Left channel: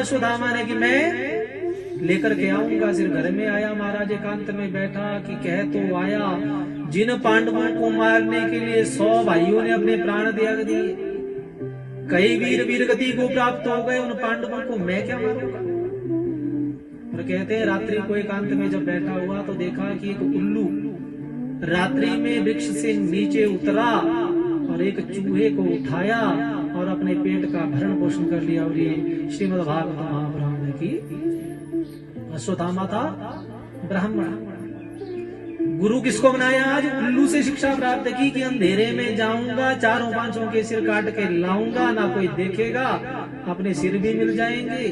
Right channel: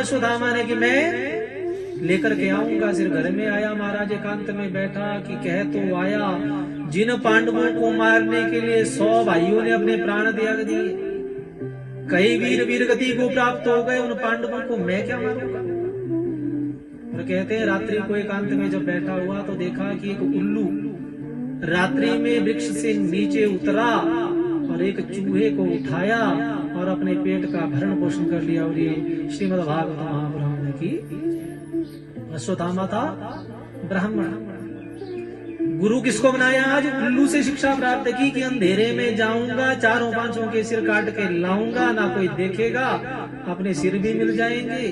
अश्वत्थामा ने कि मैं लेकर के आऊंगा। फिर घर में आया, महाराज एकांत में बैठा कि कह तो आया, जिन पांडवों को मारने के लिए 100 भाइयों ने अपने प्राण त्याग दिए, कई वीर वीर गति को प्राप्त हो गए, उन पांडवों को मैं क्या मारूंगा। और कहते हैं रात्रि को एकांत में जब बैठा हुआ तो देखा कि एक उल्लू रात्रि में वृक्ष से नीचे उतरा और एक चूहे को उठाया और अपने पेट का भरण पोषण कर लिया। और ये श्रीमद् भागवत महापुराण की अश्वत्थामा था ब्राह्मण। गुरु किसको बनाया? आज उल्लू से शिक्षा प्राप्त की कि अंधेरे में जाऊंगा, चारों पांचों के सिर काट के लाऊंगा, ना कोई देखेगा, अपने सिर भी मिल जाएंगे।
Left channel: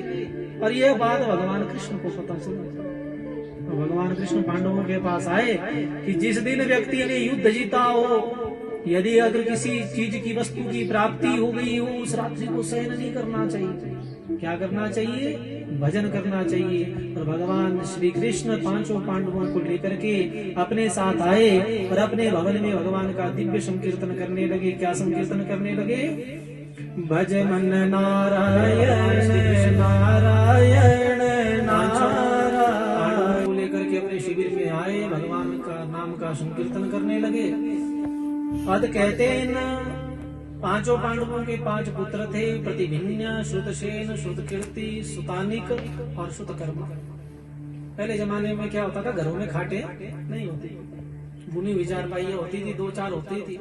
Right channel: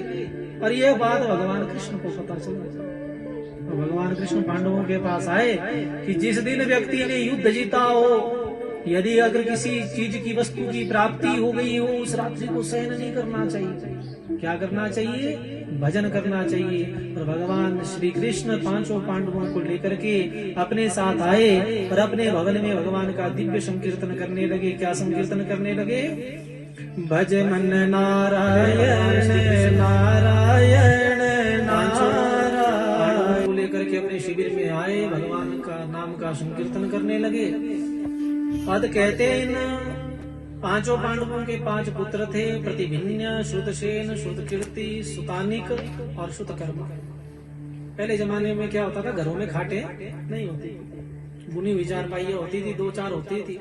और ये बात भगवान कृष्ण को पता चली। तो भगवान कृष्ण पांडवों के पास आए कि जिस दिन व्यक्ति ने युद्ध जीता हो, यदि अगर किसी चीज की वस्तु की प्राप्ति हो गई हो, उस रात्रि को शयन नहीं करना चाहिए। क्या करना चाहिए? भजन करना चाहिए। तो भगवान श्री कृष्ण पांचों पांडवों को लेकर के अपने साथ आए और अपने भवन में भगवान का दिव्य संकीर्तन करने लगे। क्या संकीर्तन करने लगे? भज मन नारायण नारायण नारायण। लेकर के अपने शिविर में आए, भगवान का नाम का संकीर्तन करने लगे। अद कहते हैं पांचों पांडवों के 5 पुत्र थे, प्रतिभिन्य, श्रुतसेन, श्रुतकीर्ति, सुतानिक और श्रुतकर्मा। पहले जमाने में क्या होता था, घरों में खाटे नहीं होती, बुनी हुई चारपाइयां होती थी, 2-4 होती थी।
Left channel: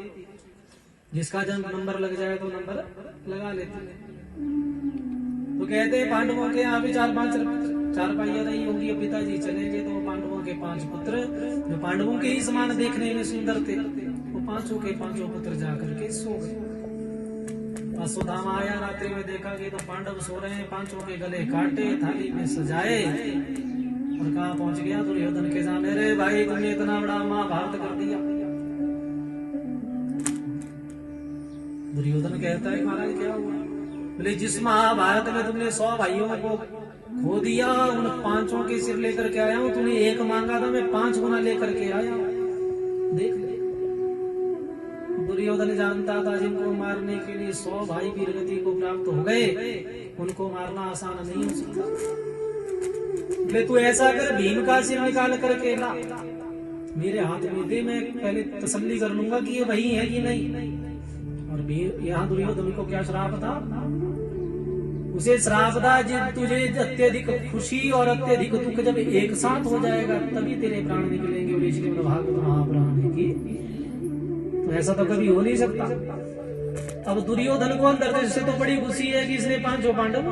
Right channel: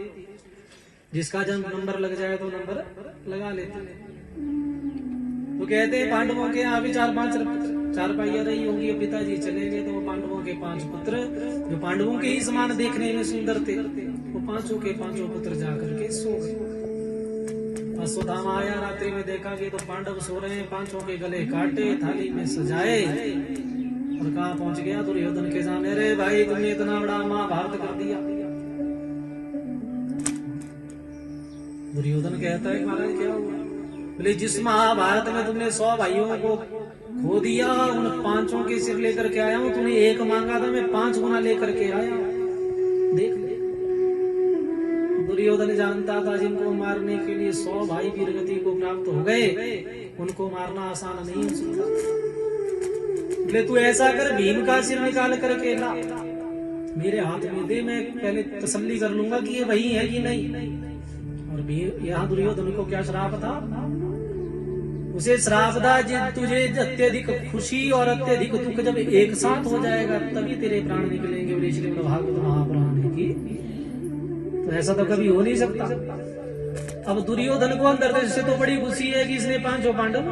जिसका जब नंबर लग जाए तो नंबर लगा लेते। तो कहते हैं पांडवों के यहाँ भी 4-5 चारपाइयां नहीं होंगी। पिताजी चले गए तो पांडवों के 5 पुत्र जो पांडवों के ही समान देखने में सुंदर थे, वो पांचों के पांचों पुत्र जाकर के सो गए। अश्वत्थामा आया, रात्रि में देखा कि तो पांडव सो रहे हैं, पांचों के गले काटे, थाली में सजाए। और कहाँ पहुंच गया? दुर्योधन के सामने। रे भाई, तुमने इतना बड़ा महाभारत कर दिया। दुर्योधन कहता है महाराज क्या हुआ? बोले जिस महाभारत में तुमने 100 भाइयों को खो दिया, उन 5 के सिर लेकर के आया हूँ। तूने 1 मांगा था, मैं 5 गुना लेकर के आया। देख ले, दुर्योधन जानता था जिनको मारने के लिए 100 भाई वीरगति को प्राप्त हो गए, उनको मारना आसान नहीं हो सकता। बोले तू ऐसा कर, भीम का सिर निकाल करके ला, मेरे हाथ में दे, मैं पहले तसल्ली कर लूंगा कि ये वही है कि नहीं। यहाँ दुर्योधन को क्या श्राप था? उसे श्राप था तुझे अत्यधिक खुशी और अत्यधिक दुख जब एक साथ हो जाएगा तभी तेरे प्राण निकलेंगे। और श्रीमद् भागवत महापुराण की तो ऐसा तो कभी हो नहीं सकता। अब दुर्योधन को अंदर से तो बड़ी खुशी है कि इसने 5 पांडव।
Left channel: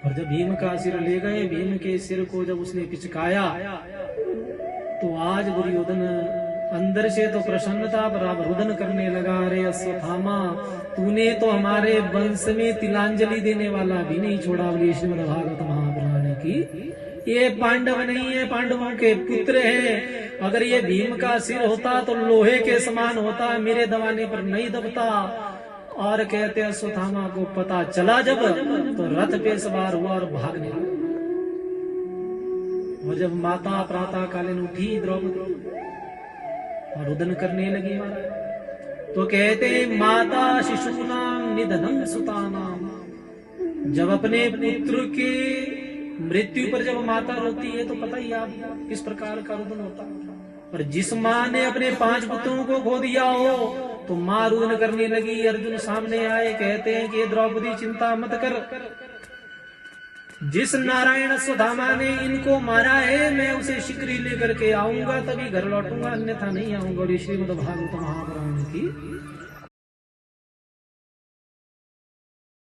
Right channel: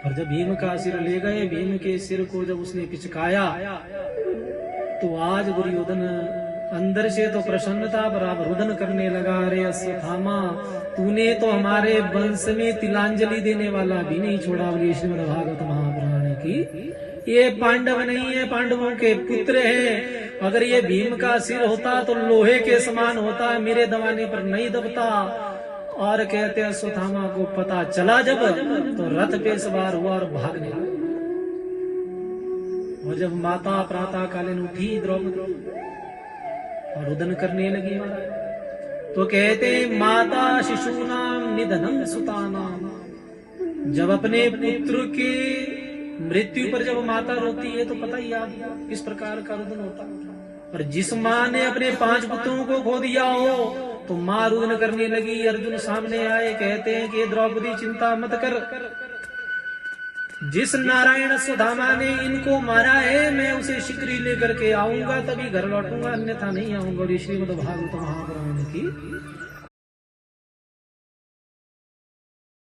और जब भीम का सिर ले गए, भीम के सिर को जब उसने पिचकाया तो आज दुर्योधन अंदर से तो प्रसन्नता पर रुदन करने लगा। अरे अश्वत्थामा, तूने तो हमारे वंश में तिलांजलि देने वाला भी नहीं छोड़ा। श्रीमद् भागवत महापुराण की ये पांडव नहीं है, पांडवों के पुत्र हैं। अगर ये भीम का सिर होता तो लोहे के समान होता, मेरे दबाने पर नहीं दबता। और कहते अश्वत्थामा को पता चला जब, तो रथ पे सवार हुआ और भागने लगा। और जब माता प्रातः कालीन उठी द्रौपदी और रुदन करने लगी, तो कहते हैं माता शिशुनाम निधनम सुतानाम। जब अपने पुत्र के मृत्यु पर जब माता रोती है तो पता ही आप किस प्रकार का रुदन होता है। और जिस माँ ने अपने 5 पुत्रों को खो दिया हो तो माँ रुदन करने लगी। अर्जुन सामने आए, कहते हैं कि द्रौपदी चिंता मत कर, जिस नारायण अश्वत्थामा ने इनको मारा है मैं उसे शीघ्र ही लेकर के आऊंगा, तभी घर लौटूंगा, अन्यथा नहीं आऊंगा। श्रीमद् भागवत महापुराण की